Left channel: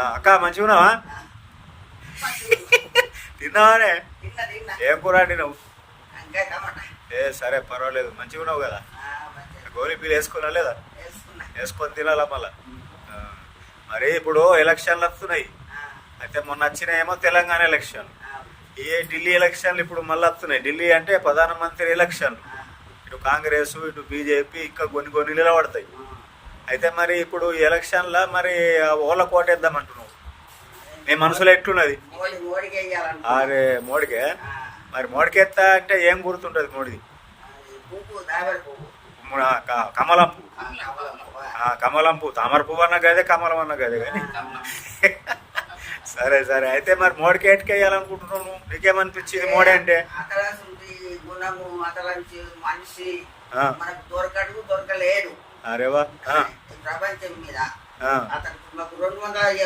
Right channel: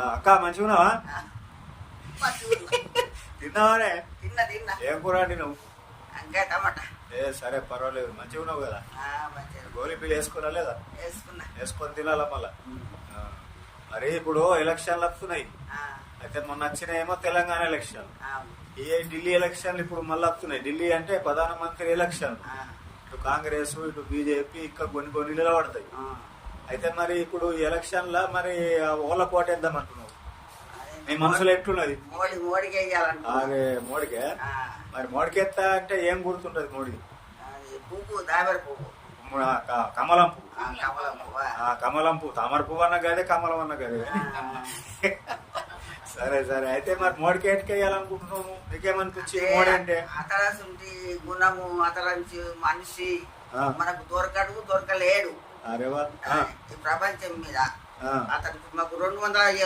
అక్క మంచిగా ఉన్నావా? తిన్నావానే? ఏం కూర నువ్వు? సరే పర్వాలేదు, మంచిగా ఉన్నావు కదా? గోళీ పీలు వేసుకున్నా లేదా? వేసుకొని తినాలా మళ్ళా. మరి ఇప్పుడు ఎలక్షన్లు వస్తున్నాయి. అయితే మొన్న వచ్చినాయేమో తెలంగాణ ఎలక్షన్లు, ఈ ఢిల్లీ ఎలక్షన్లు ఇప్పుడు మళ్ళీ వస్తున్నాయి. ఢిల్లీ అంటే ప్రధానమంత్రి ఎలక్షన్లు. ఇటు కాంగ్రెస్ ఇటు బీజేపీ ఇంకా కొన్ని నిలబడతాయి. అయితే మరి ఇప్పుడు ఈ ఎలక్షన్ల మరి ఓళ్ళ కోటేద్దాం అంటున్నావు, నీ మనసులో ఎట్లున్నది? అరే మోడీకే? మరి మోడీకి ఎత్తా అంటే ఏం గుర్తుంటది మోడీది? కమలం పువ్వు. కమలం పువ్వు, తామర పువ్వు అన్న గదే, కమలం అన్న గదే కానీ. సరే సరే, అయితే మరి మోడీకి ఎట్టుకెయ్యాలనుకుంటున్నావు నువ్వు? నీకేమనిపించింది మోడీ అంటే? గుణము అతలంచి మనిషి మనకు దొరకడు, దొరకలేడు. అరేవా ప్రపంచం మీద అతనికి మాకు 200